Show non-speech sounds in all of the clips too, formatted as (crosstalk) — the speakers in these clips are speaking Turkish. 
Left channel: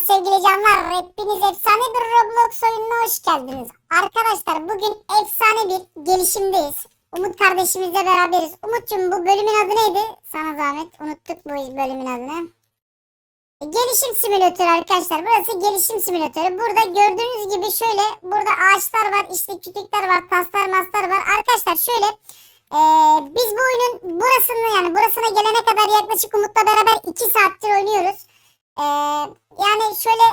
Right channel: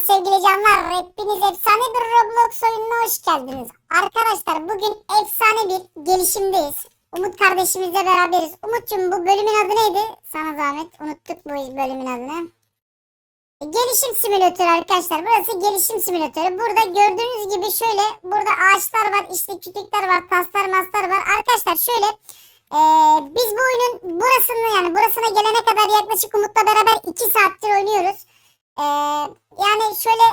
Sevgili canlar. Hepiniz efsane bir Roblox oyununa hoş geldiniz. Arkadaşlar bugün efsane bir gelişimdeyiz. Umut kardeşimizle beraberiz. Umut'cum bu bölümün adı neydi? Sana zahmet. Unuttuk bu bölümün adını. Gelişim simülatörü arkadaşlar. Burası gelişim simülatörü. Burada gördüğünüz gibi şöyle burada ağaçlar var, işte kütükler var, taslar, maslar var. Arkadaşlar şöyle eee, biz bu oyunun burasını yani burasına gelene kadar yaklaşık Umut'la beraber 2 saattir oynuyoruz. Eee, yani şöyle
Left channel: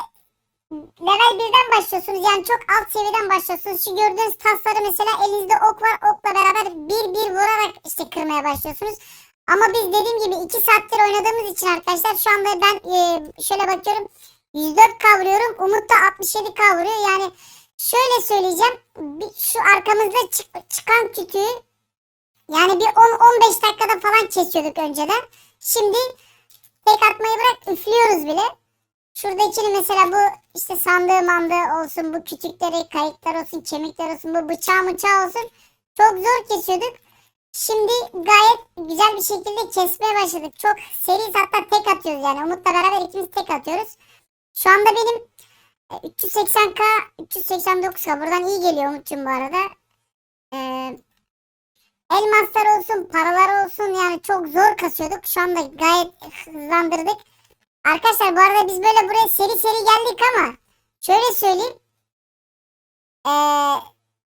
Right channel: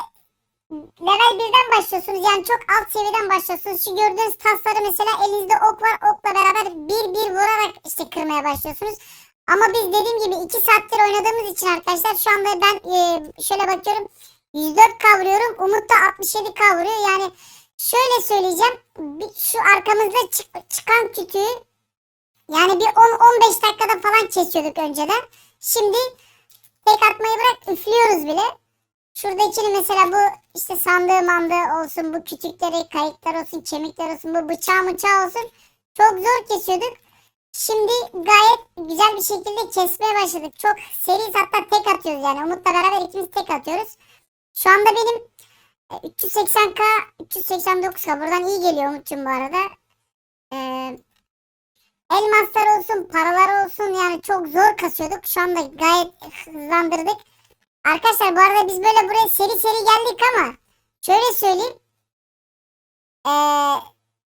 level 1'den başlıyorsunuz. Yani çok alt seviyeden başlıyorsunuz. Şu gördüğünüz tasları mesela elinizde ok var. Okla beraber bir bir vurarak işte kırmaya başlıyorsunuz. Ama biz dediğim gibi 2 saattir oynadığımız için arkadaşlar şu anda ben eee, şöyle bakıyorum. 104 kavruyorum. Umut da 67 kavuruyor. Yani şöyle söyleyeceğim. Şu arkamızda çık- çıkan kütüğü yani bir 10-15 dakikada falan kesiyorduk önceden. Şimdi tek atmayı bırak üflüyoruz bile. Şuradakini mesela bu işte sandığı mandığı olsun, bu kütükleri, kayıklar olsun, kemikler olsun, bu bıçağı mıçağı olsun. Çok zor kesiyorduk. Şimdi gayet güzel bir şekilde kesmeye başladık. Çok seri hatta tek atıyoruz yani. Umut'la beraber ikimiz tek atıyoruz. Şu anda benim e, 380k, 389k. Buradan iyi geliyor Umut'cum bu arada. Ee, elmaslar olsun, paralar olsun yani çok zor kasıyorduk. Şu anda gayet hızlandırdık. Arkadaşlar bu arada biz böyle buraya seri seri geldik ama şöyle söyleyeyim. Ee,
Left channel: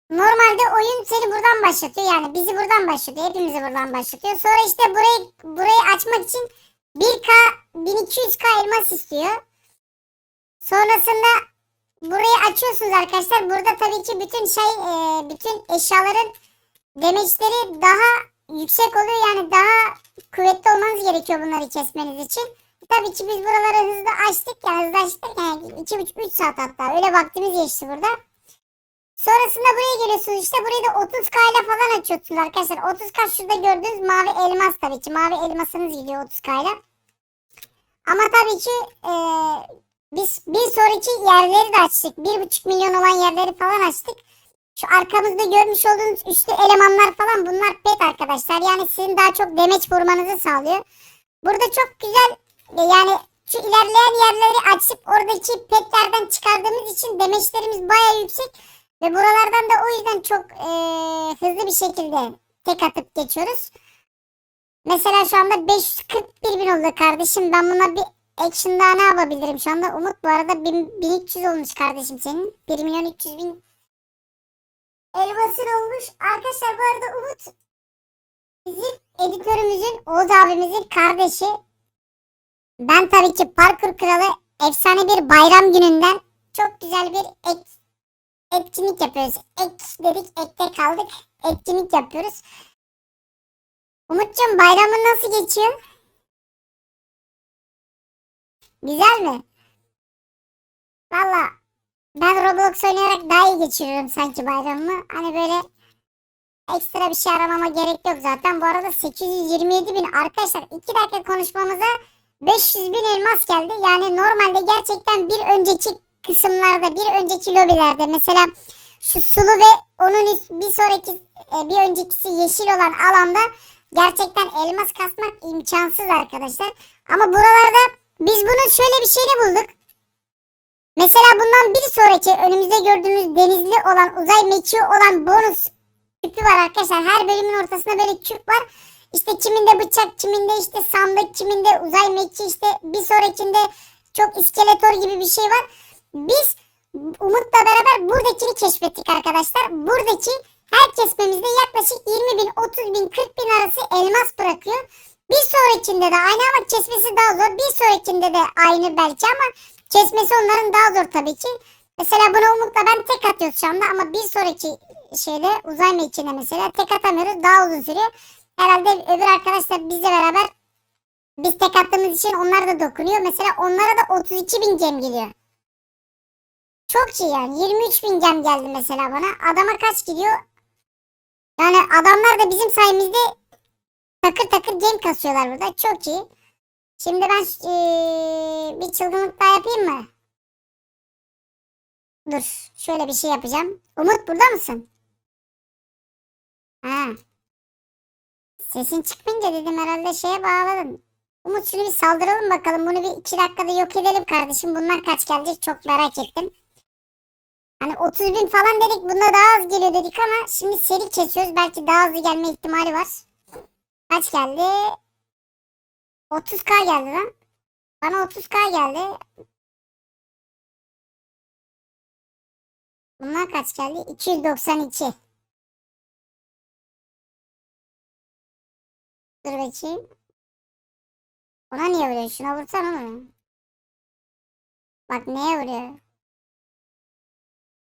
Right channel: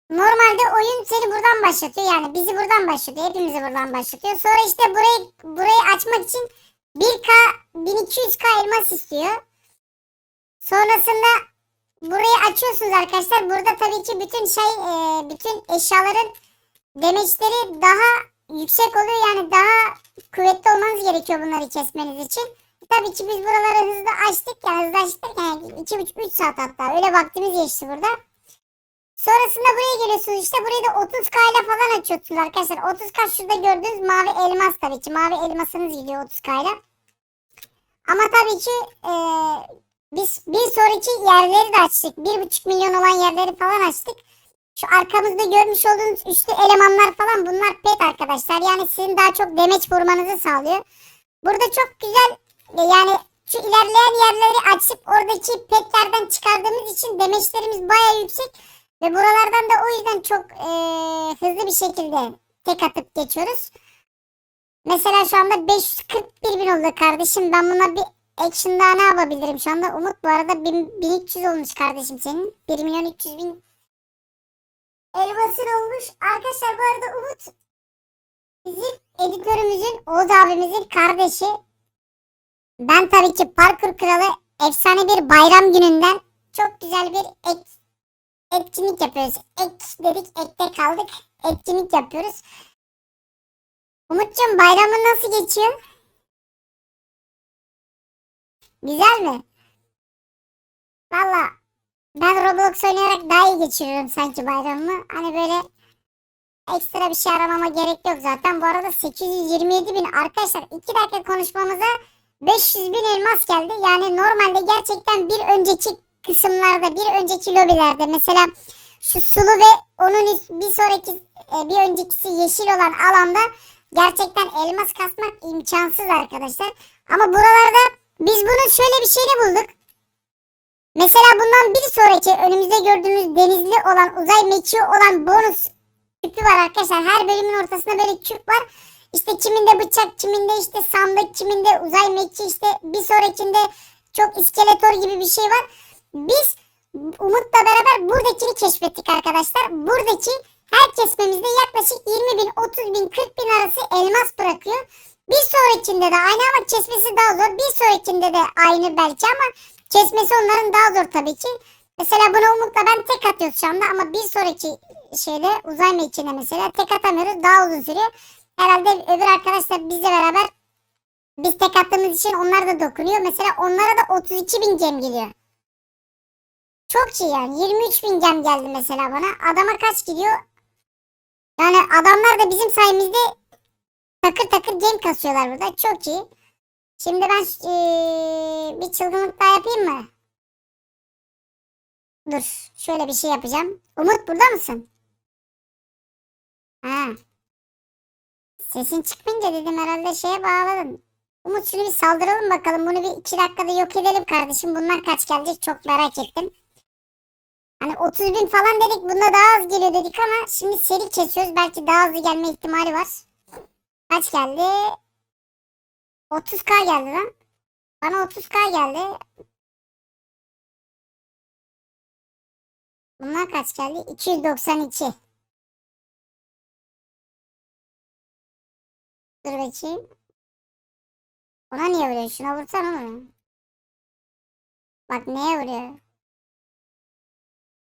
normalde oyun seni buradan başlatıyor yani bizi buradan başlatıyor. Hepimizi buradan başlatıyor. Sonra işte burayı burayı açmak için 1K 1200K elmas istiyor. Sonrasında burayı açıyorsunuz arkadaşlar. Burada tabii ki bütün şey e, bütün eşyaların demeçleri daha yüksek oluyor. Yani daha kuvvetli olmanız gerekiyor bunları kesmeniz için. Tabii ki biz buraları hızlı açtık ya hızlı açtık yani 2,5-3 saat hatta öyle vaktimiz geçti burada. Sonrasında buraya geliyorsunuz işte burayı da 30k ile falan açıyorsunuz arkadaşlar. 30k şurada gördüğünüz mavi elmas tabii ki mavi elmasınız gidiyor 30k ile. Ama tabii ki eee, biz bir sonraki yerleri de açtık. 1,5 milyon olan yerleri falan açtık. Şu arkamızda görmüş olduğunuz üçlü elemanlar falan bunlar pet arkadaşlar. Yani sizin daha çok demeç vurmanızı sağlıyor. Burada çok güzel yani şu ilerleyen yerleri açıp oradaki petlerden çıkardığımız için demeçlerimiz baya yüksek. Ve buralardan da o yüzden çok e, hızlı bir şekilde tek atıp geçiyoruz. Mesela şu anda 541 bin oldu kardeşim. Ben buna bir action daha ne yapabilirim şu anda? Umut bu arada 1000 1300 olmuş kardeşim senin. 1 milyon 300 bin elmasın olmuş. Arkadaşlar bu arada Umut bizim editörümüzün Oğuz abimizin kardeşi. Ben tabii ki parkur kralı efsane bir bayram gününden çok güzel bir ek, etkinlik yapıyoruz. Ek dedik ekte kaldık. Etkinlik yapıyoruz. Umut'cum bayramın nasıl geçiyor? Güzel mi? Valla ben Roblox oynayarak daha iyi geçiriyorum sanki bayramımı. Hani böyle ekstra bir şey aramama gerek yok zaten. Bu arada 827 bin arkadaşlar 2 dakika konuşmamıza 500 bin elmas geldi. Yani normalde gerçekten bir önceki kısımlarda, bir önceki lobilerde mesela şu sulu ve onun bir sonraki e, bir öncekisi yeşil olan alanda gerçekten elmas kasmak imkansız arkadaşlar. Ama buralarda biz bunun şöyle bir şeyini bulduk. Mesela bundan bir sonraki önümüzde gördüğümüz denizli olan uzay mekiği olan bonus küpü var arkadaşlar. Her bölümün ortasında böyle küp var. İşte kiminde bıçak, kiminde işte sandık, kiminde uzay mekiği işte bir sonrakinde çok iskeletor gibi bir şey var. Biz Umut'la beraber buradakini keşfettik arkadaşlar. Buradaki her kesmemizde yaklaşık 20 bin, 30 bin, 40 bin arası elmas bırakıyor. Bir sonrakinde de aynı ama kesmesi daha zor. Bir sonrakinde de aynı belki ama kesmesi onların daha zor tabii ki. Mesela bunu Umut'la ben tek atıyoruz şu anda ama bir sonraki şeyde uzay mekiğine mesela tek atamıyoruz daha uzun sürüyor. Herhalde öbür arkadaşlar bizle beraber biz tek attığımız için onlar da dokunuyor. Mesela onlara da 32 bin gem geliyor. Çok iyi yani. 23 bin gem geldi mesela bana. Adama kaç gidiyor? Yani adamlar da bizim sayemizde takır takır gem kasıyorlar burada. Çok iyi. Şimdi ben eee, bir çılgınlık daha yapayım mı? Dur. Şöyle bir şey yapacağım. Umut burada mısın? Ha. Sesin çıkmayınca dedim herhalde şeye bağladım. Umut şunu bir saldıralım bakalım. Bunu bir iki dakikada yok edelim kardeşim. Bunlar kaç gelecek çok merak ettim. Hani 30 bin falan dedik bunda daha az geliyor dedik ama şimdi seri kesiyoruz. Belki daha hızlı gelme ihtimali var. Kaç geldi? 30k geldi lan. Bana 30k geldi. Bunlar kaç geldi? 292. Dur bakayım. Ona niye vuruyor? Şuna vursana oğlum. Bak neye vuruyor?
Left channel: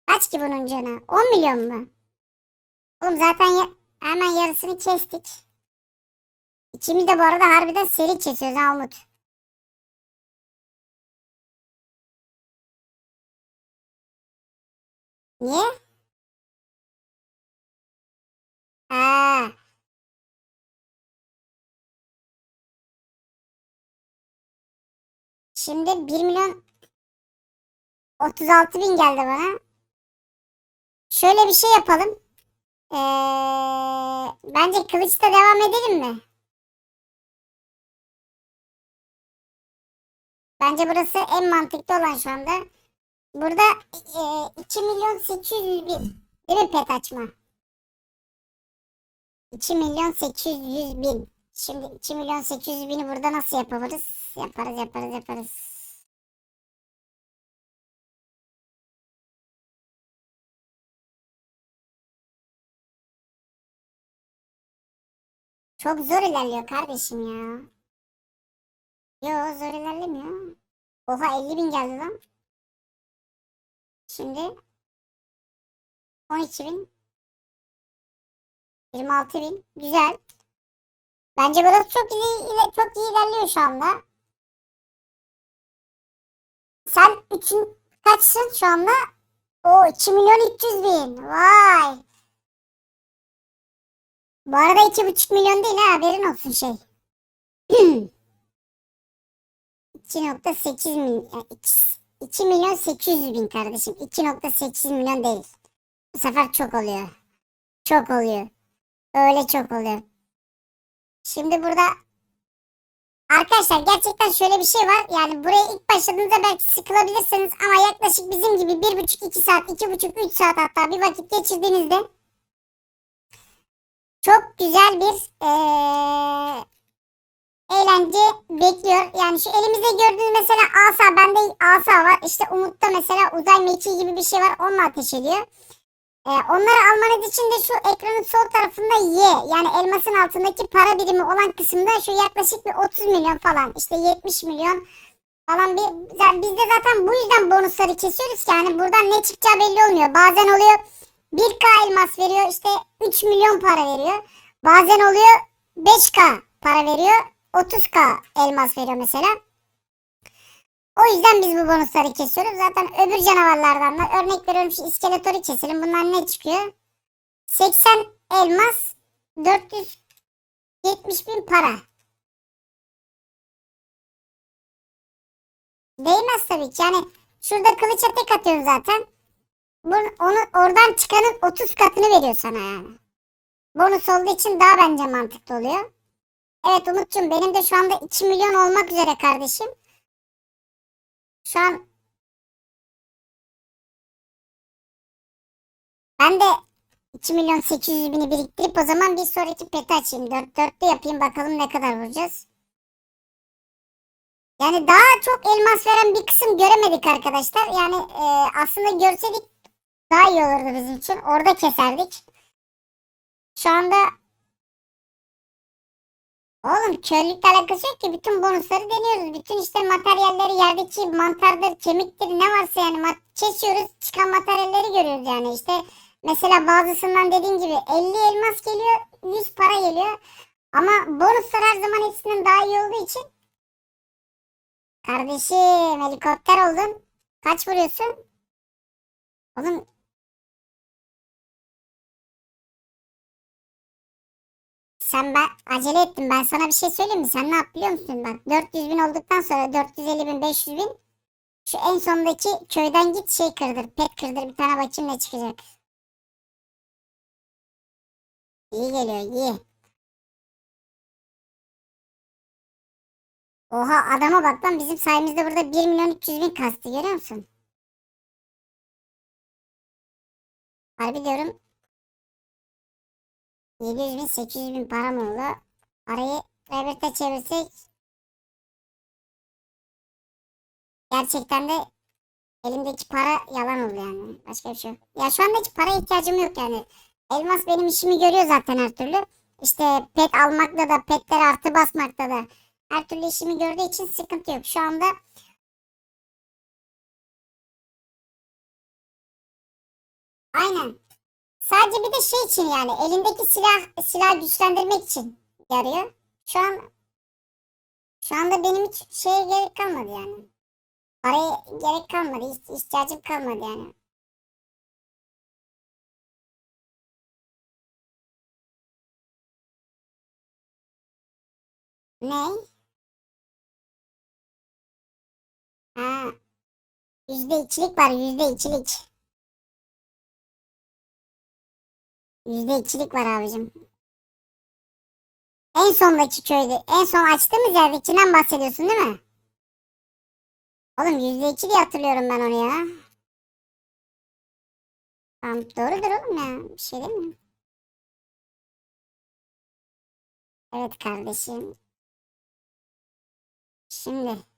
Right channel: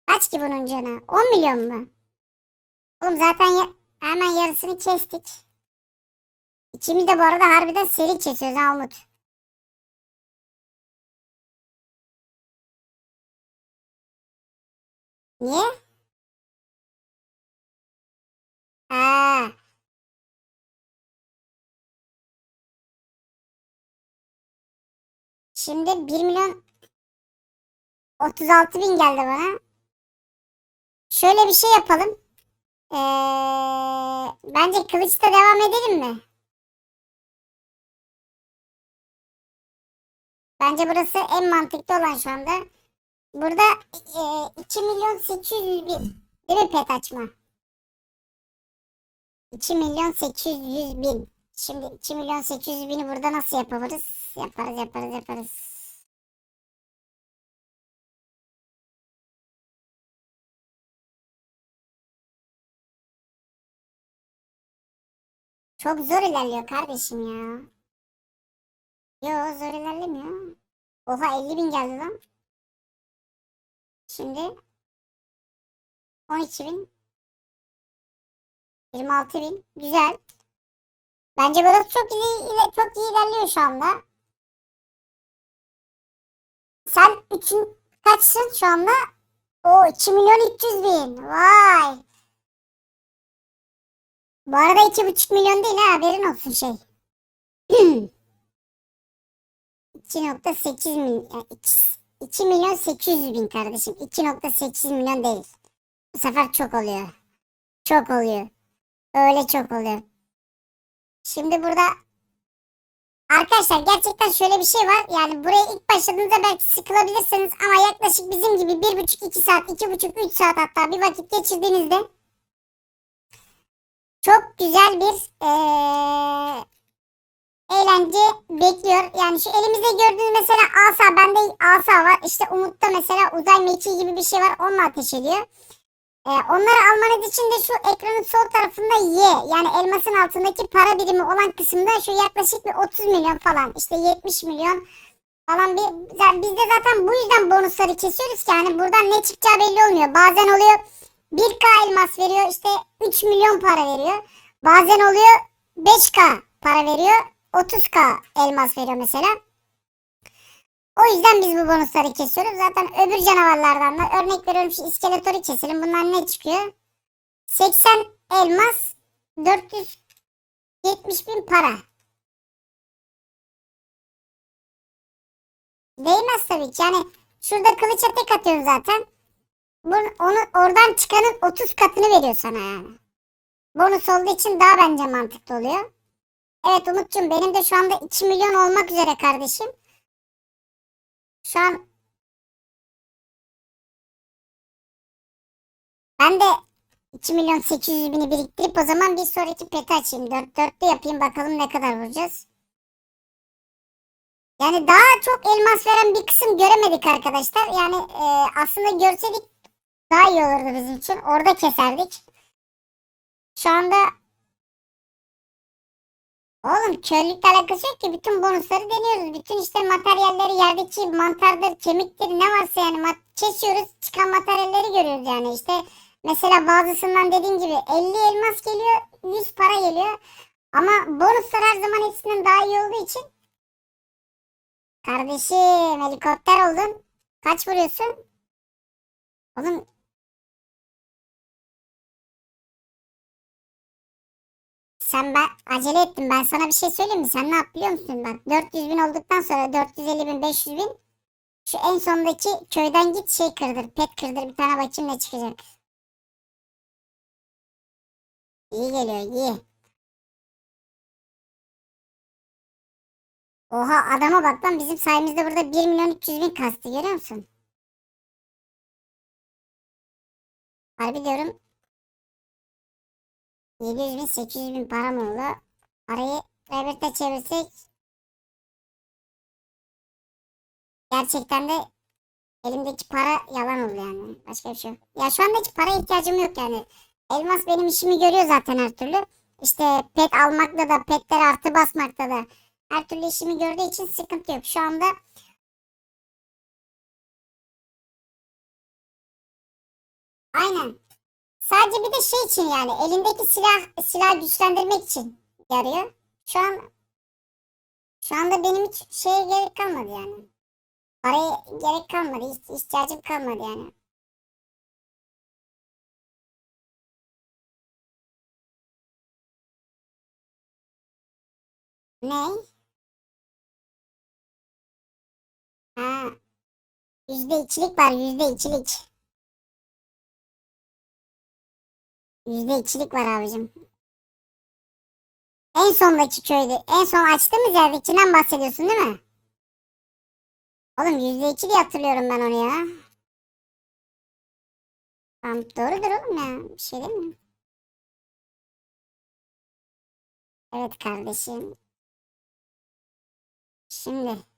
Kaç ki bunun canı? 10 milyon mu? Oğlum zaten hemen yarısını kestik. İkimiz de bu arada harbiden seri kesiyoruz ha. Niye? Ha. Şimdi 1 milyon 36 bin geldi bana. Şöyle bir şey yapalım. Ee, bence kılıçta devam edelim mi? Bence burası en mantıklı olan şu anda. Burada e, 2 milyon 800 bin. Değil mi pet açma? 2 milyon 800 bin. Şimdi 2 milyon 800 bini burada nasıl yapabiliriz? Yaparız yaparız yaparız. Çok zor ilerliyor kardeşim ya. Yo zor ilerlemiyor. Oha 50 bin geldi lan. Şimdi 12 bin. 26 bin. Güzel. Bence burası çok iyi, çok iyi ilerliyor şu anda. Sen üçün kaçsın şu anda? O 2 milyon 300 bin. Vay. Bu arada 2,5 milyon değil ha haberin olsun şey. (clears throat) 2.8 milyon. 2 milyon 800 bin kardeşim. 2.8 milyon değil. Bu sefer çok oluyor. Çok oluyor. Öyle çok oluyor. Şimdi burada Arkadaşlar gerçekten şöyle bir şey var. Yani buraya ilk başladığınızda belki sıkılabilirsiniz ama yaklaşık bizim gibi 1,5-2 saat, 2,5-3 saat hatta bir vakit geçirdiğinizde çok güzel bir eee, eğlence bekliyor. Yani şu elimizde gördüğünüz mesela asa, bende asa var. İşte Umut'ta mesela uzay mekiği gibi bir şey var. Onunla ateş ediyor. Ee, onları almanız için de şu ekranın sol tarafında Y yani elmasın altındaki para birimi olan kısımda şu yaklaşık bir 30 milyon falan işte 70 milyon falan bir yani biz de zaten bu yüzden bonusları kesiyoruz ki yani buradan ne çıkacağı belli olmuyor. Bazen oluyor 1K elmas veriyor işte 3 milyon para veriyor. Bazen oluyor 5K para veriyor 30K elmas veriyor mesela. O yüzden biz bu bonusları kesiyoruz. Zaten öbür canavarlardan da örnek veriyorum şu iskeletoru keselim. Bunlar ne çıkıyor? 80 elmas 470 bin para. Değmez tabii ki. Yani şurada kılıça tek atıyoruz zaten. Bunun, onu, oradan çıkanın 30 katını veriyor sana yani. Bonus olduğu için daha bence mantıklı oluyor. Evet Umut'cum benim de şu anda 2 milyon olmak üzere kardeşim. Şu an ben de 2 milyon 800 bini biriktirip o zaman bir sonraki peti açayım. 4 dörtlü yapayım bakalım ne kadar vuracağız. Yani daha çok elmas veren bir kısım göremedik arkadaşlar. Yani e, aslında görseydik daha iyi olurdu bizim için. Orada keserdik. Şu anda Oğlum körlükle alakası yok ki. Bütün bonusları deniyoruz. Bütün işte materyalleri yerdeki mantardır, kemiktir ne varsa yani kesiyoruz. Çıkan materyalleri görüyoruz yani işte. Mesela bazısından dediğim gibi 50 elmas geliyor, 100 para geliyor. Ama bonuslar her zaman hepsinin daha iyi olduğu için. Kardeşim helikopter oldun. Kaç vuruyorsun? Oğlum Sen ben acele ettin. Ben sana bir şey söyleyeyim mi? Sen ne yap musun? Bak 400 bin olduktan sonra 450 bin 500 bin şu en sondaki köyden git şey kırdır. Pet kırdır bir tane bakayım ne çıkacak. İyi geliyor iyi. Oha adama bak lan bizim sayemizde burada 1 milyon 300 bin kastı görüyor musun? Harbi diyorum 700 bin 800 bin param oldu. Parayı devlete çevirsek gerçekten de elimdeki para yalan oldu yani. Başka bir şey yok. Ya şu anda hiç para ihtiyacım yok yani. Elmas benim işimi görüyor zaten her türlü. İşte pet almakta da petler artı basmakta da her türlü işimi gördüğü için sıkıntı yok. Şu anda aynen. Sadece bir de şey için yani elindeki silah silah güçlendirmek için yarıyor. Şu an şu anda benim hiç şeye gerek kalmadı yani. Paraya gerek kalmadı. İhtiyacım kalmadı yani. Ne? Ha, yüzde ikilik var yüzde ikilik. Yüzde ikilik var abicim. En sondaki köyde. En son açtığımız yerdekinden bahsediyorsun değil mi? Oğlum yüzde iki diye hatırlıyorum ben onu ya. Tamam doğrudur oğlum ya. Bir şey değil mi? Evet kardeşim. Şimdi.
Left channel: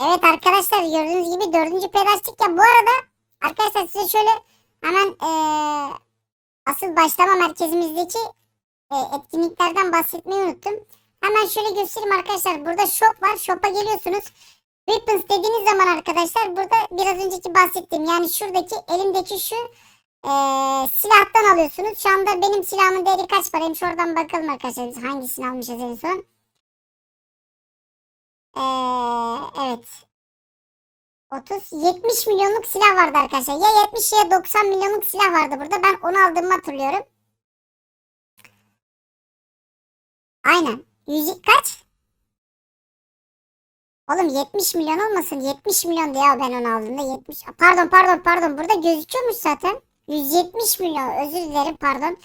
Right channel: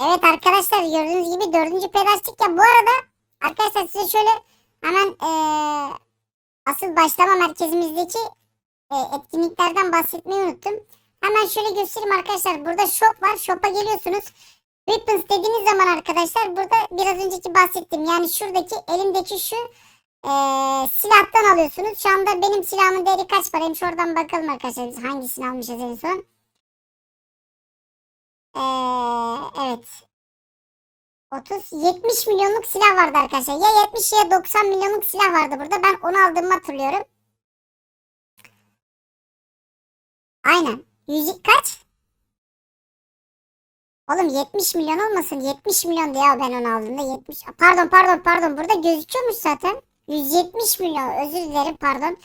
Evet arkadaşlar gördüğünüz gibi dördüncü plastik ya bu arada arkadaşlar size şöyle hemen eee, asıl başlama merkezimizdeki eee, etkinliklerden bahsetmeyi unuttum. Hemen şöyle göstereyim arkadaşlar burada shop var shop'a geliyorsunuz. Weapons dediğiniz zaman arkadaşlar burada biraz önceki bahsettiğim yani şuradaki elimdeki şu eee, silahtan alıyorsunuz. Şu anda benim silahımın değeri kaç paraymış oradan bakalım arkadaşlar hangisini almışız en son. Eee, evet 30 70 milyonluk silah vardı arkadaşlar. Ya 70 ya 90 milyonluk silah vardı burada. Ben onu aldığımı hatırlıyorum. Aynen. Yüzük kaç? Oğlum 70 milyon olmasın. 70 milyon diye ben onu aldığımda 70. Pardon pardon pardon. Burada gözüküyormuş zaten. 170 milyon. Özür dilerim pardon.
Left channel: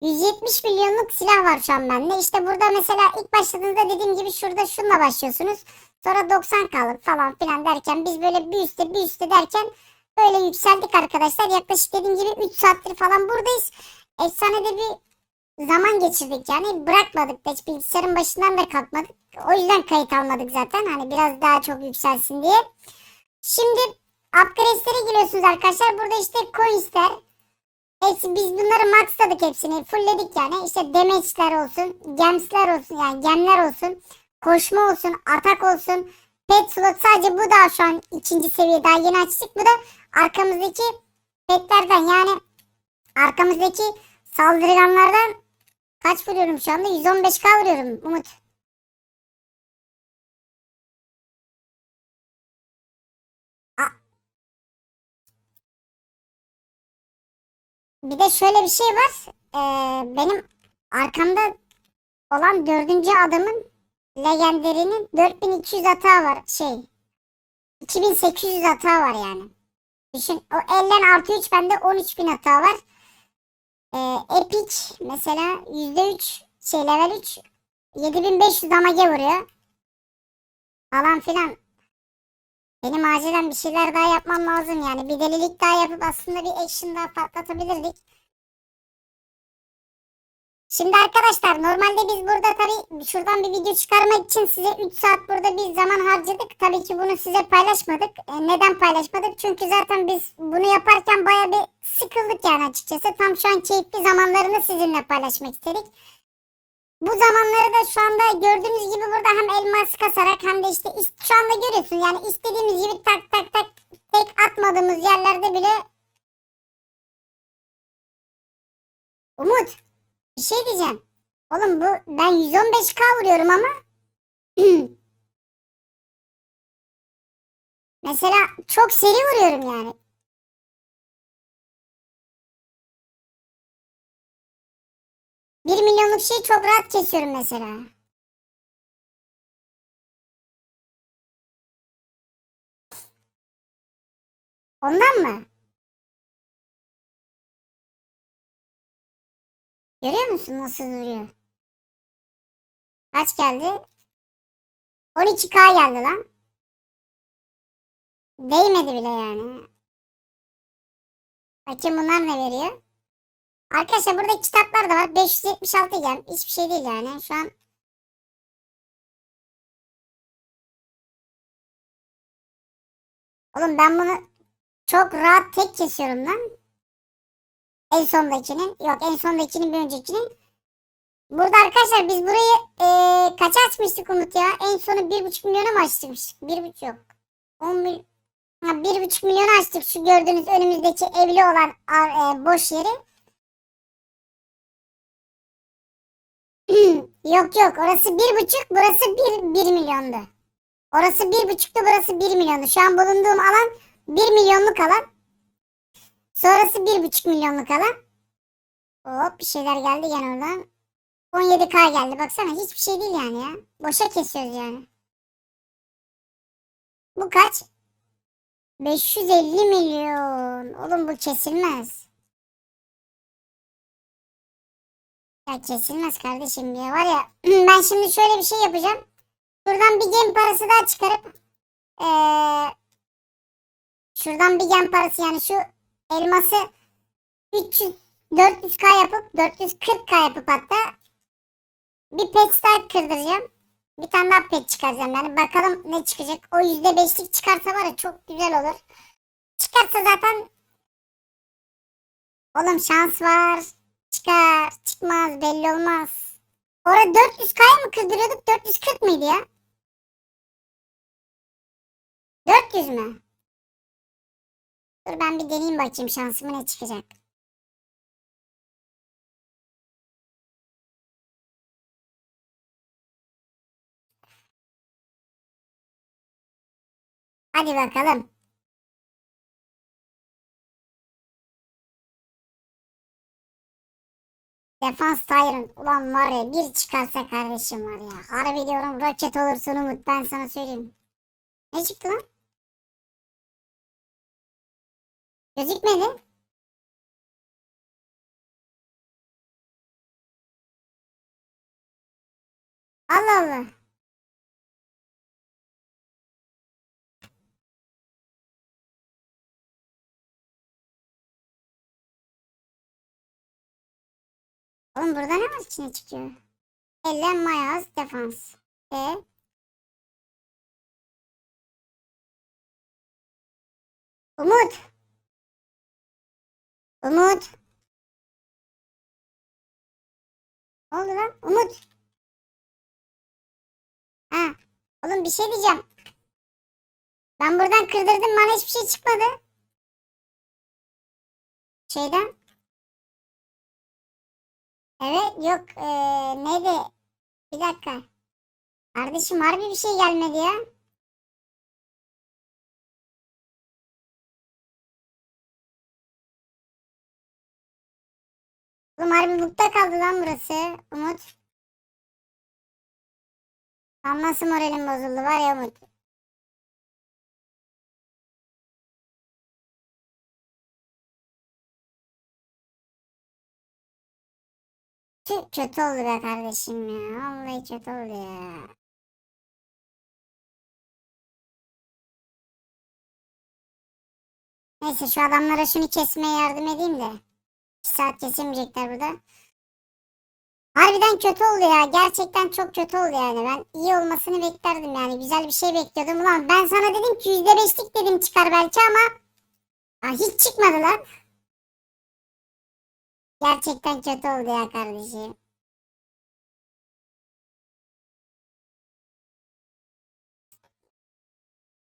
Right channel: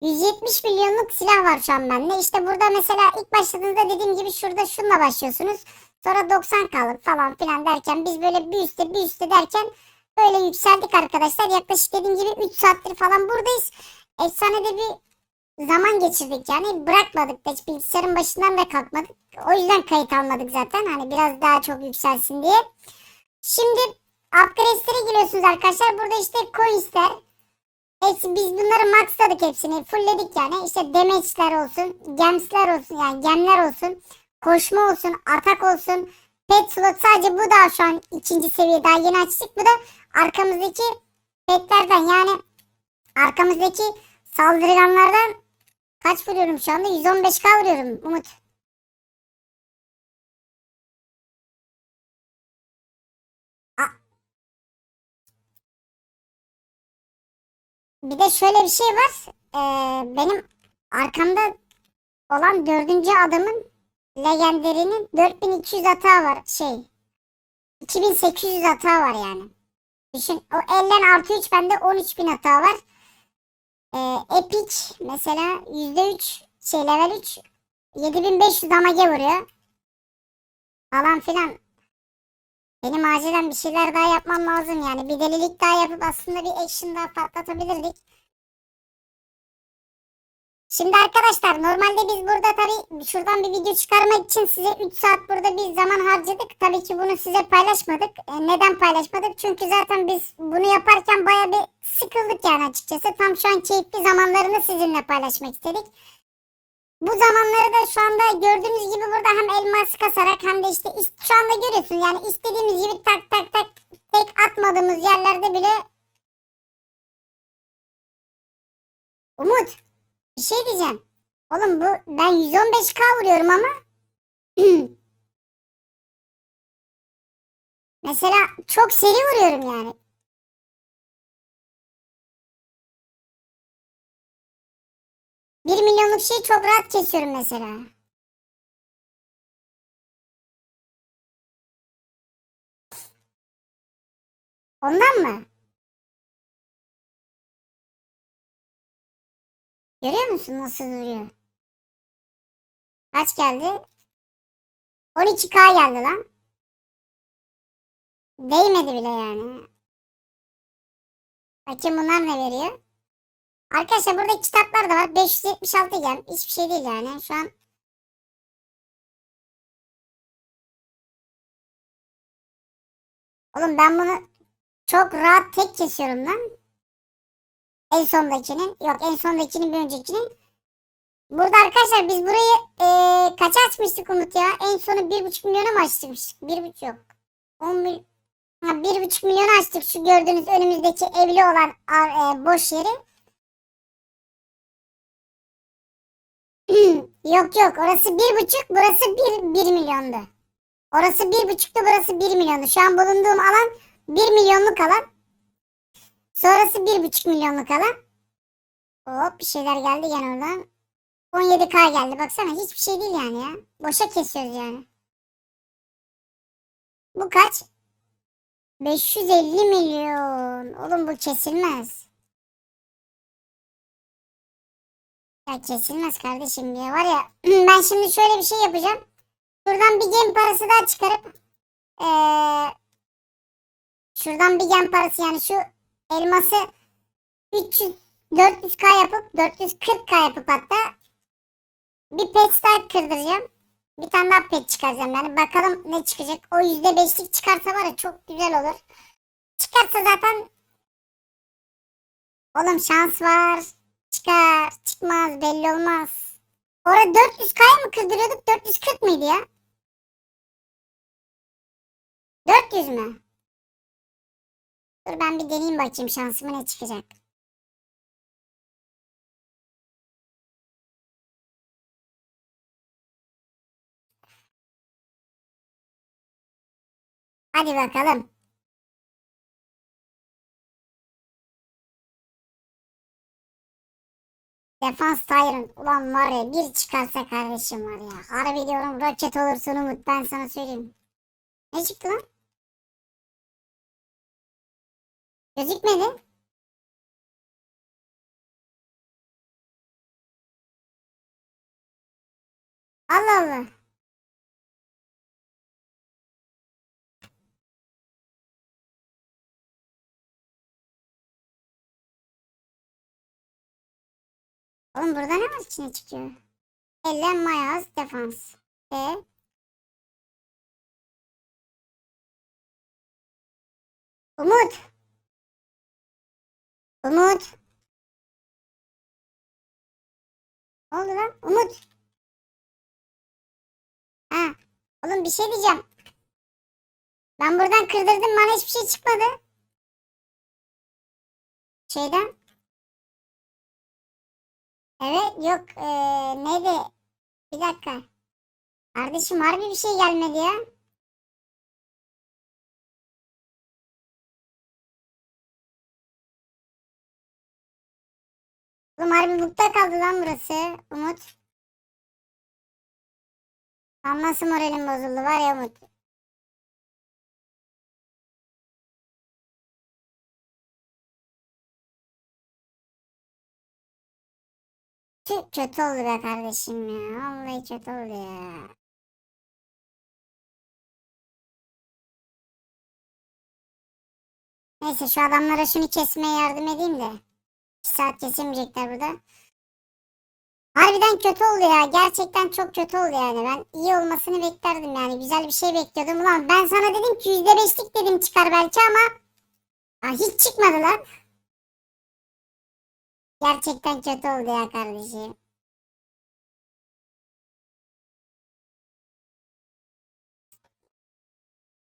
170 milyonluk silah var şu an bende. İşte burada mesela ilk başladığınızda dediğim gibi şurada şununla başlıyorsunuz. Sonra 90 kalır falan filan derken biz böyle bir üstte bir üstte derken böyle yükseldik arkadaşlar. Yaklaşık dediğim gibi 3 saattir falan buradayız. Efsane bir zaman geçirdik yani bırakmadık hiç bilgisayarın başından da kalkmadık. O yüzden kayıt almadık zaten hani biraz daha çok yükselsin diye. Şimdi upgrade'lere giriyorsunuz arkadaşlar. Burada işte coins'ler. Hepsi biz bunları maxladık hepsini. Fullledik yani. İşte damage'ler olsun, gems'ler olsun yani gemler olsun koşma olsun, atak olsun. Pet slot sadece bu da şu an ikinci seviye daha yeni açtık. Bu da arkamızdaki petlerden yani arkamızdaki saldırganlardan kaç vuruyorum şu anda? 115k vuruyorum Umut. Bir de şöyle bir şey var. Ee, benim arkamda olan dördüncü adamın legenderinin 4200 hata var. Şey 2800 hata var yani. Düşün o elden 6 bende 13000 hata var. Ee, Epic mesela %3 şey level 3 7500 damage vuruyor. Falan filan. Benim acilen bir şeyler daha yapmam lazım yani. Bir delilik daha yapıp aslında bir action daha patlatabilirdik. Şimdi arkadaşlar normalde biz burada tabii şuradan bir video çıkarmak için size 3 saat burada bir zaman harcadık. Tabii ki bunu size paylaşmadık. E, neden paylaşmadık? Çünkü zaten biz bunu yaparken baya bir sıkıldık yani açıkçası. Tam şu an keyifli zamanlarını sizinle paylaşmak istedik. Bu zamanları da şu anda gördüğünüz gibi burada hem elmas kasarak hem de işte şu anda görüyorsun yani istediğimiz gibi tak tak tak tek atmadığımız yerlerde bile Umut bir şey diyeceğim. Oğlum bu ben 115k vuruyorum ama (clears throat) Mesela çok seri vuruyorum yani. Bir milyonluk şeyi çok rahat kesiyorum mesela. Ondan mı? Görüyor musun nasıl duruyor? Kaç geldi? 12K geldi lan. Değmedi bile yani. Bakayım bunlar ne veriyor? Arkadaşlar burada kitaplar da var. 576 gem. Hiçbir şey değil yani. Şu an Oğlum ben bunu çok rahat tek kesiyorum lan. En sondakinin. Yok en sondakinin bir öncekinin. Burada arkadaşlar biz burayı eee kaça açmıştık Umut ya? En sonu bir buçuk milyona mı açtık? Bir buçuk. On mil- Ha, bir buçuk milyon açtık şu gördüğünüz önümüzdeki evli olan e, boş yeri. (clears throat) Yok yok orası bir buçuk burası bir, bir milyondu. Orası bir buçuktu burası bir milyondu. Şu an bulunduğum alan bir milyonluk alan. Sonrası bir buçuk milyonluk alan. Hop bir şeyler geldi gene oradan. 17k geldi baksana hiçbir şey değil yani ya. Boşa kesiyoruz yani. Bu kaç? 550 milyon. Oğlum bu kesilmez. Ya kesilmez kardeşim ya var ya. (clears throat) Ben şimdi şöyle bir şey yapacağım. Şuradan bir gem parası daha çıkarıp eee, şuradan bir gem parası yani şu elması 300 400k yapıp 440k yapıp hatta bir pet daha kırdıracağım. Bir tane daha pet çıkaracağım yani bakalım ne çıkacak. O %5'lik çıkarsa var ya çok güzel olur. Çıkarsa zaten oğlum şans var. Çıkar, çıkmaz belli olmaz. Orada 400k mı kırdırıyorduk 440 mıydı ya? 400 mü? Dur ben bir deneyeyim bakayım şansıma ne çıkacak. Hadi bakalım. Defans Tyrant. Ulan var ya bir çıkarsa kardeşim var ya. Harbi diyorum roket olursun Umut ben sana söyleyeyim. Ne çıktı lan? Gözükmedi. Allah Allah. Oğlum burada ne var ki ne çıkıyor? Ellen Mayaz defans. E? Umut. Umut. Ne oldu lan? Umut. Ha. Oğlum bir şey diyeceğim. Ben buradan kırdırdım bana hiçbir şey çıkmadı. Şeyden. Evet yok eee neydi? Bir dakika. Kardeşim harbi bir şey gelmedi ya. Oğlum harbi mutlu kaldı lan burası. Umut. Lan nasıl moralim bozuldu var ya Umut. Tüh, kötü oldu be kardeşim ya. Vallahi kötü oldu ya. Neyse şu adamlara şunu kesmeye yardım edeyim de. 2 saat kesemeyecekler buradan. Harbiden kötü oldu ya. Gerçekten çok kötü oldu yani. Ben iyi olmasını beklerdim yani. Güzel bir şey bekliyordum. Ulan ben sana dedim ki %5'lik dedim çıkar belki ama ha, hiç çıkmadı lan. Gerçekten kötü oldu ya kardeşim.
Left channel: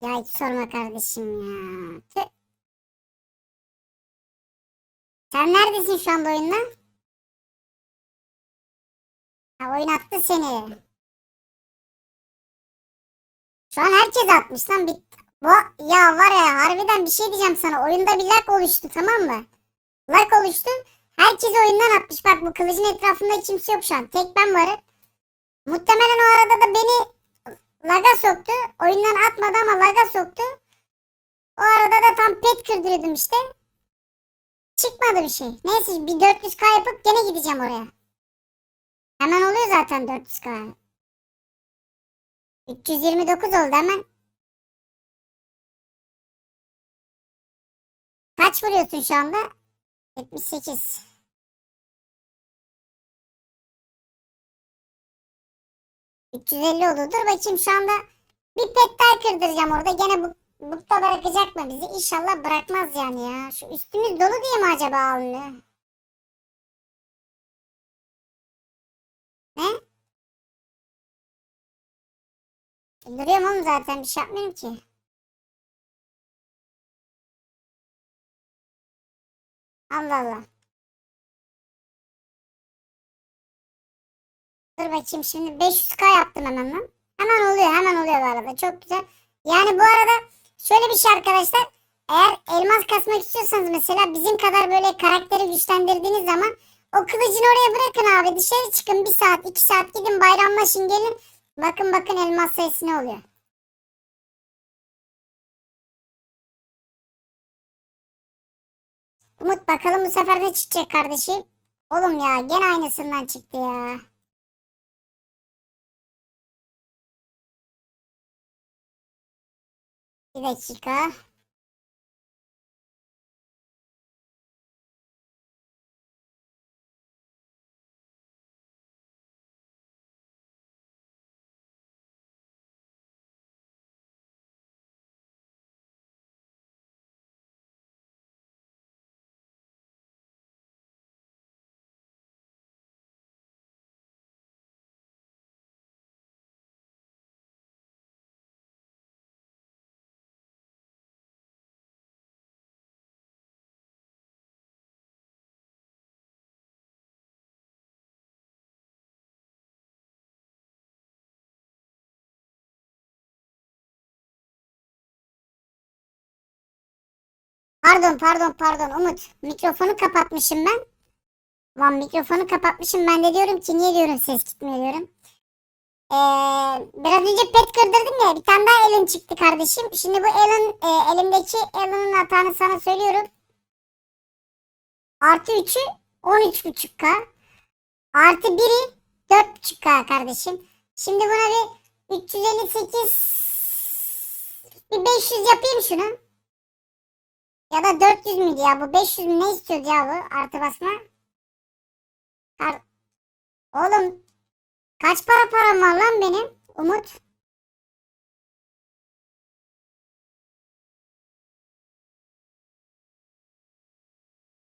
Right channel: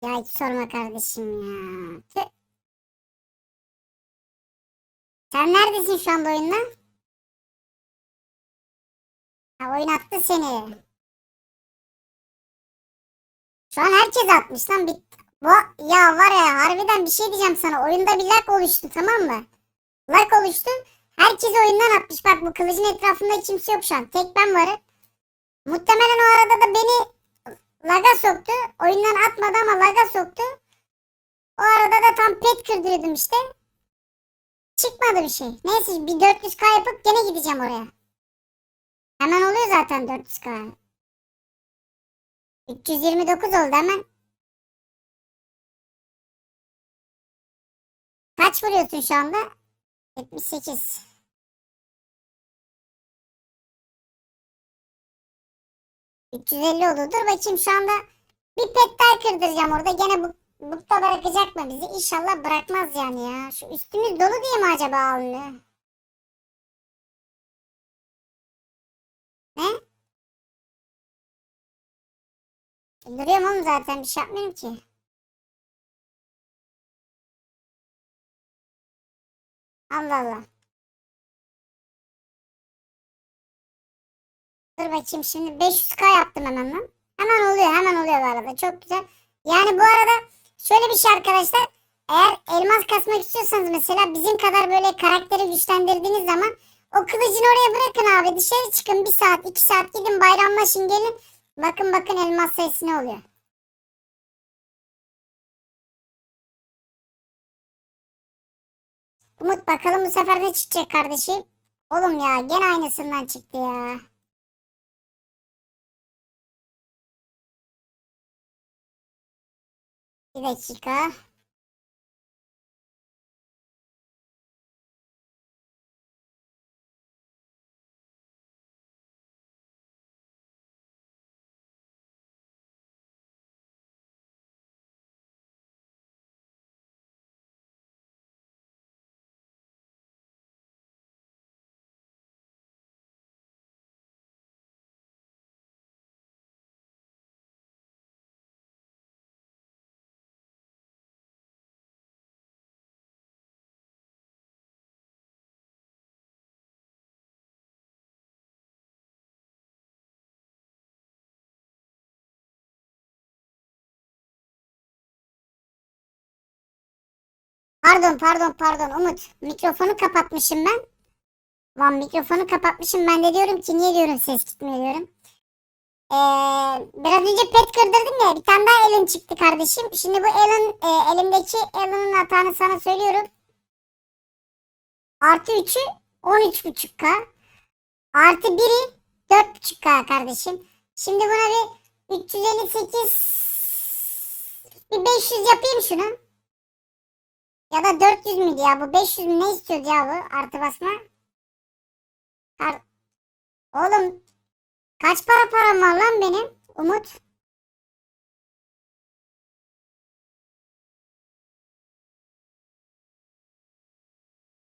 Ya hiç sorma kardeşim ya. Sen neredesin şu anda oyunda? Ha, oyun attı seni. Şu an herkes atmış lan. Bir... Bu, ya var ya harbiden bir şey diyeceğim sana. Oyunda bir lag oluştu tamam mı? Lag oluştu. Herkes oyundan atmış. Bak bu kılıcın etrafında kimse yok şu an. Tek ben varım. Muhtemelen o arada da beni laga soktu. Oyundan atmadı ama laga soktu. O arada da tam pet kırdırıyordum işte. Çıkmadı bir şey. Neyse bir 400k yapıp gene gideceğim oraya. Hemen oluyor zaten 400k. 329 oldu hemen. Kaç vuruyorsun şu anda? 78. ...350 oldu. Dur bakayım şu anda... ...bir pet kırdıracağım orada. Gene bu, bukta bırakacak mı bizi? İnşallah bırakmaz yani ya. Şu üstümüz dolu diye mi acaba alnı? Ne? Duruyorum oğlum zaten. Bir şey yapmıyorum ki. Allah Allah. Dur bakayım şimdi 500k yaptım hemen. Hemen oluyor hemen oluyor bu arada çok güzel. Yani bu arada şöyle bir şey arkadaşlar. Eğer elmas kasmak istiyorsanız mesela bizim kadar böyle karakteri güçlendirdiğiniz zaman o kılıcını oraya bırakın abi. Dışarı çıkın bir saat iki saat gidin bayramlaşın gelin. Bakın bakın elmas sayısı ne oluyor. Umut bakalım bu sefer ne çıkacak kardeşim. Oğlum ya gene aynısından çıktı ya. Bir dakika. Pardon pardon pardon Umut. Mikrofonu kapatmışım ben. Lan mikrofonu kapatmışım. Ben de diyorum ki niye diyorum ses gitmiyor diyorum. Ee, biraz önce pet kırdırdım ya. Bir tane daha Ellen çıktı kardeşim. Şimdi bu Ellen e, elimdeki Ellen'ın hatanı sana söylüyorum. Artı 3'ü 13.5K. Artı 1'i 4.5K kardeşim. Şimdi buna bir 358 bir 500 yapayım şunu. Ya da 400 müydü ya? Bu 500 mü ne istiyordu ya bu artı basma? Kar... Oğlum kaç para param var lan benim? Umut.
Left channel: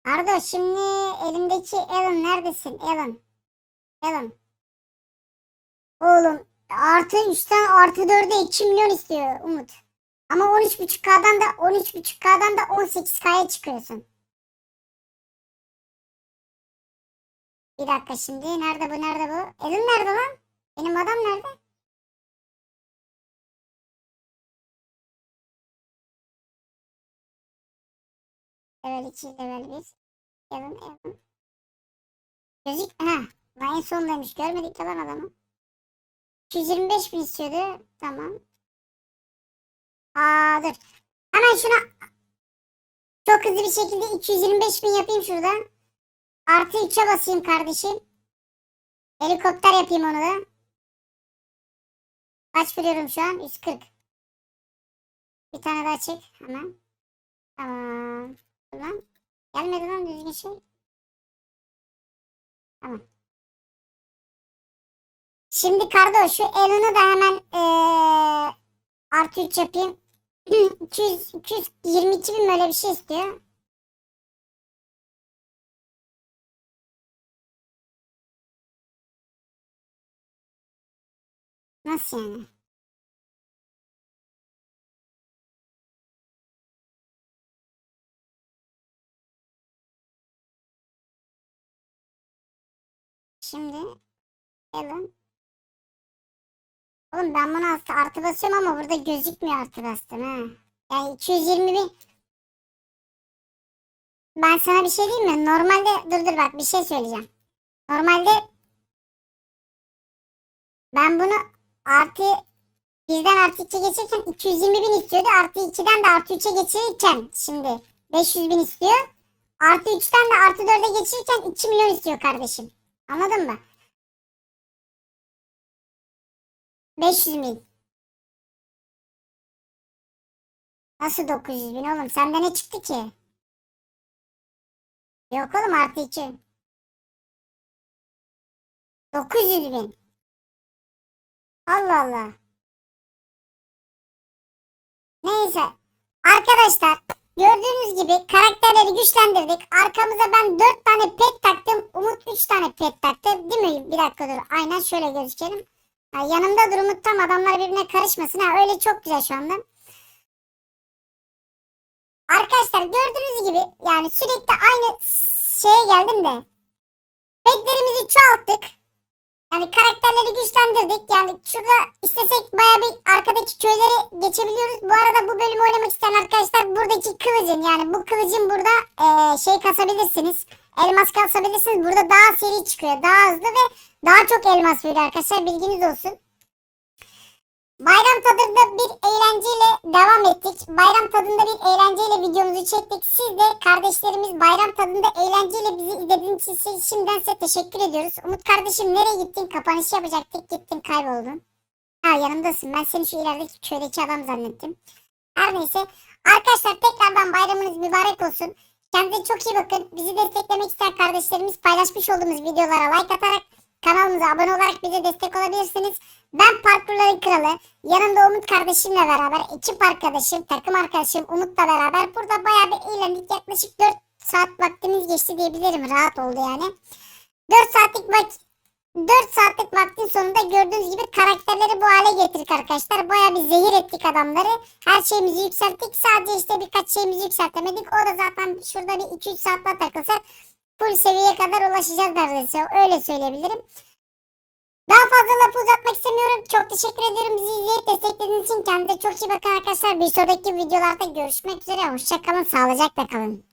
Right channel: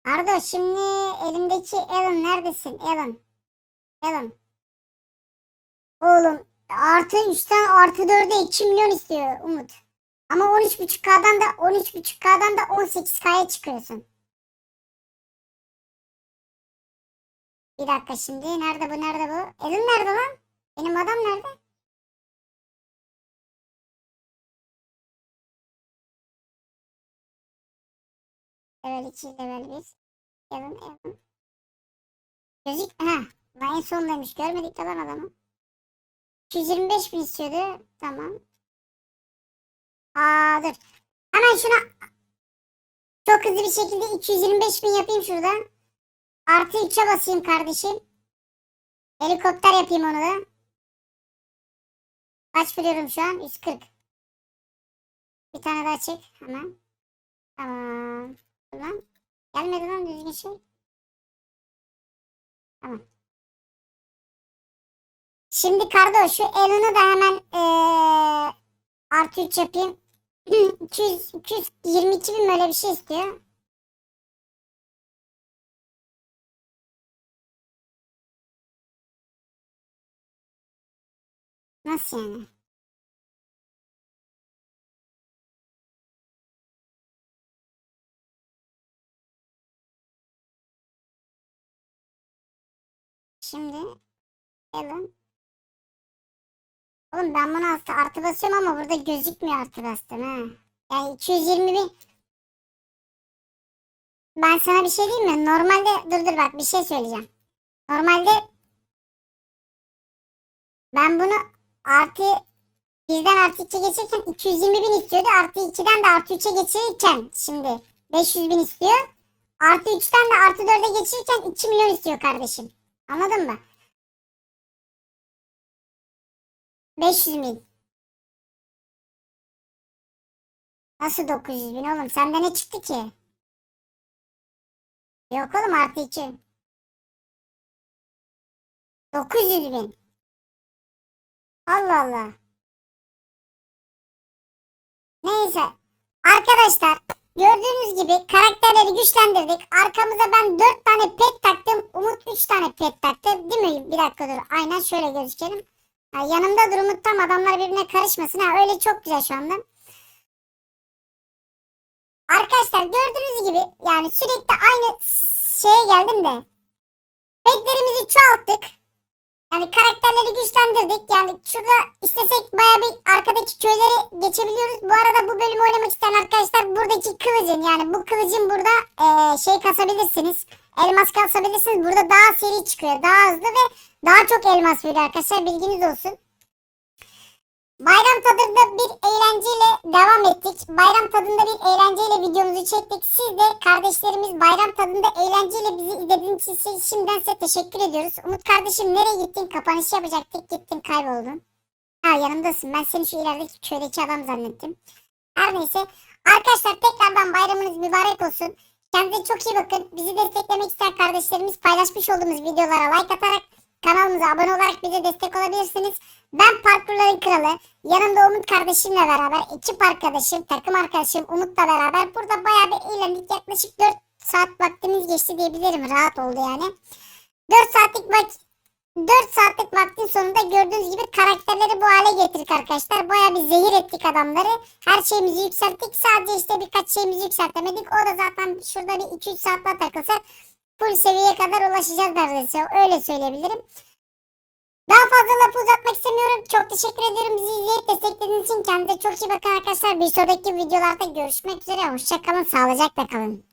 Arda şimdi elimdeki Alan neredesin Alan? Alan. Oğlum artı 3'ten artı 4'e 2 milyon istiyor Umut. Ama 13.5K'dan da 13.5K'dan da 18K'ya çıkıyorsun. Bir dakika şimdi nerede bu nerede bu? Evim nerede lan? Benim adam nerede? Evet için level 1. Evim evim. Gözük ha. En sondaymış görmedik de lan adamı. 225 bin istiyordu. Tamam. Aa dur. Hemen şuna çok hızlı bir şekilde 225 bin yapayım şuradan. Artı 3'e basayım kardeşim. Helikopter yapayım onu da. Kaç veriyorum şu an? 140. Bir tane daha çek hemen. Tamam. Lan. Gelmedi lan düzgün şey. Tamam. Şimdi kardo şu Elon'u da hemen ee, artı 3 yapayım. (clears throat) 200, 222 bin böyle bir şey istiyor. Nasıl yani? Şimdi Alan Oğlum ben buna artı, artı basıyorum ama burada gözükmüyor artı bastım ha. Yani 220 bin. Ben sana bir şey diyeyim mi? Normalde dur dur bak bir şey söyleyeceğim. Normalde ben bunu artı bizden artı 2 geçirken 220 bin istiyordu. Artı 2'den de artı 3'e geçirirken şimdi 500 bin istiyor. Artı 3'ten de artı 4'e geçirirken 2 milyon istiyor kardeşim. Anladın mı? 500 bin. Nasıl 900 bin oğlum? Sende ne çıktı ki? Yok oğlum artı 2. 900 bin. Allah Allah. Neyse. Arkadaşlar gördüğünüz gibi karakterleri güçlendirdik. Arkamıza ben 4 tane pet taktım. Umut 3 tane pet taktı. Değil mi? Bir dakika dur. Aynen şöyle gözükelim. Yanımda dur Umut tam adamlar birbirine karışmasın. Ha, öyle çok güzel şu anda. Arkadaşlar gördüğünüz gibi yani sürekli aynı şeye geldim de petlerimizi çoğalttık. Yani karakterleri güçlendirdik. Yani şurada istesek baya bir arkadaki köyleri geçebiliyoruz. Bu arada bu bölümü oynamak isteyen arkadaşlar buradaki kılıcın yani bu kılıcın burada eee, şey kasabilirsiniz. Elmas kasabilirsiniz. Burada daha seri çıkıyor. Daha hızlı ve daha çok elmas veriyor arkadaşlar. Bilginiz olsun. Bayram tadında bir eğlenceyle devam ettik. Bayram tadında bir eğlenceyle videomuzu çektik. Siz de kardeşlerimiz bayram tadında eğlenceyle bizi izlediğiniz için şimdiden size teşekkür ediyoruz. Umut kardeşim nereye gittin? Kapanış yapacaktık. Gittin kayboldun. Ha yanımdasın. Ben seni şu ilerideki köydeki adam zannettim. Her neyse. Arkadaşlar tekrardan bayramınız mübarek olsun. Kendinize çok iyi bakın. Bizi desteklemek isteyen kardeşlerimiz paylaşmış olduğumuz videolara like atarak kanalımıza abone olarak bize destek olabilirsiniz. Ben parkurların kralı. Yanımda Umut kardeşimle beraber ekip arkadaşım, takım arkadaşım Umut'la beraber burada bayağı bir eğlendik. Yaklaşık 4 saat vaktimiz geçti diyebilirim. Rahat oldu yani. 4 saatlik vak 4 saatlik vaktin sonunda gördüğünüz gibi karakterleri bu hale getirdik arkadaşlar. Bayağı bir zehir ettik adamları. Her şeyimizi yükselttik. Sadece işte birkaç şeyimizi yükseltemedik. O da zaten şurada bir 2-3 saat daha takılsa full seviyeye kadar ulaşacağız neredeyse. Öyle söyleyebilirim. Daha fazla lafı uzatmak istemiyorum. Çok teşekkür ediyorum bizi izleyip desteklediğiniz için. Kendinize çok iyi bakın arkadaşlar. Bir sonraki videolarda görüşmek üzere. Hoşçakalın. Sağlıcakla kalın.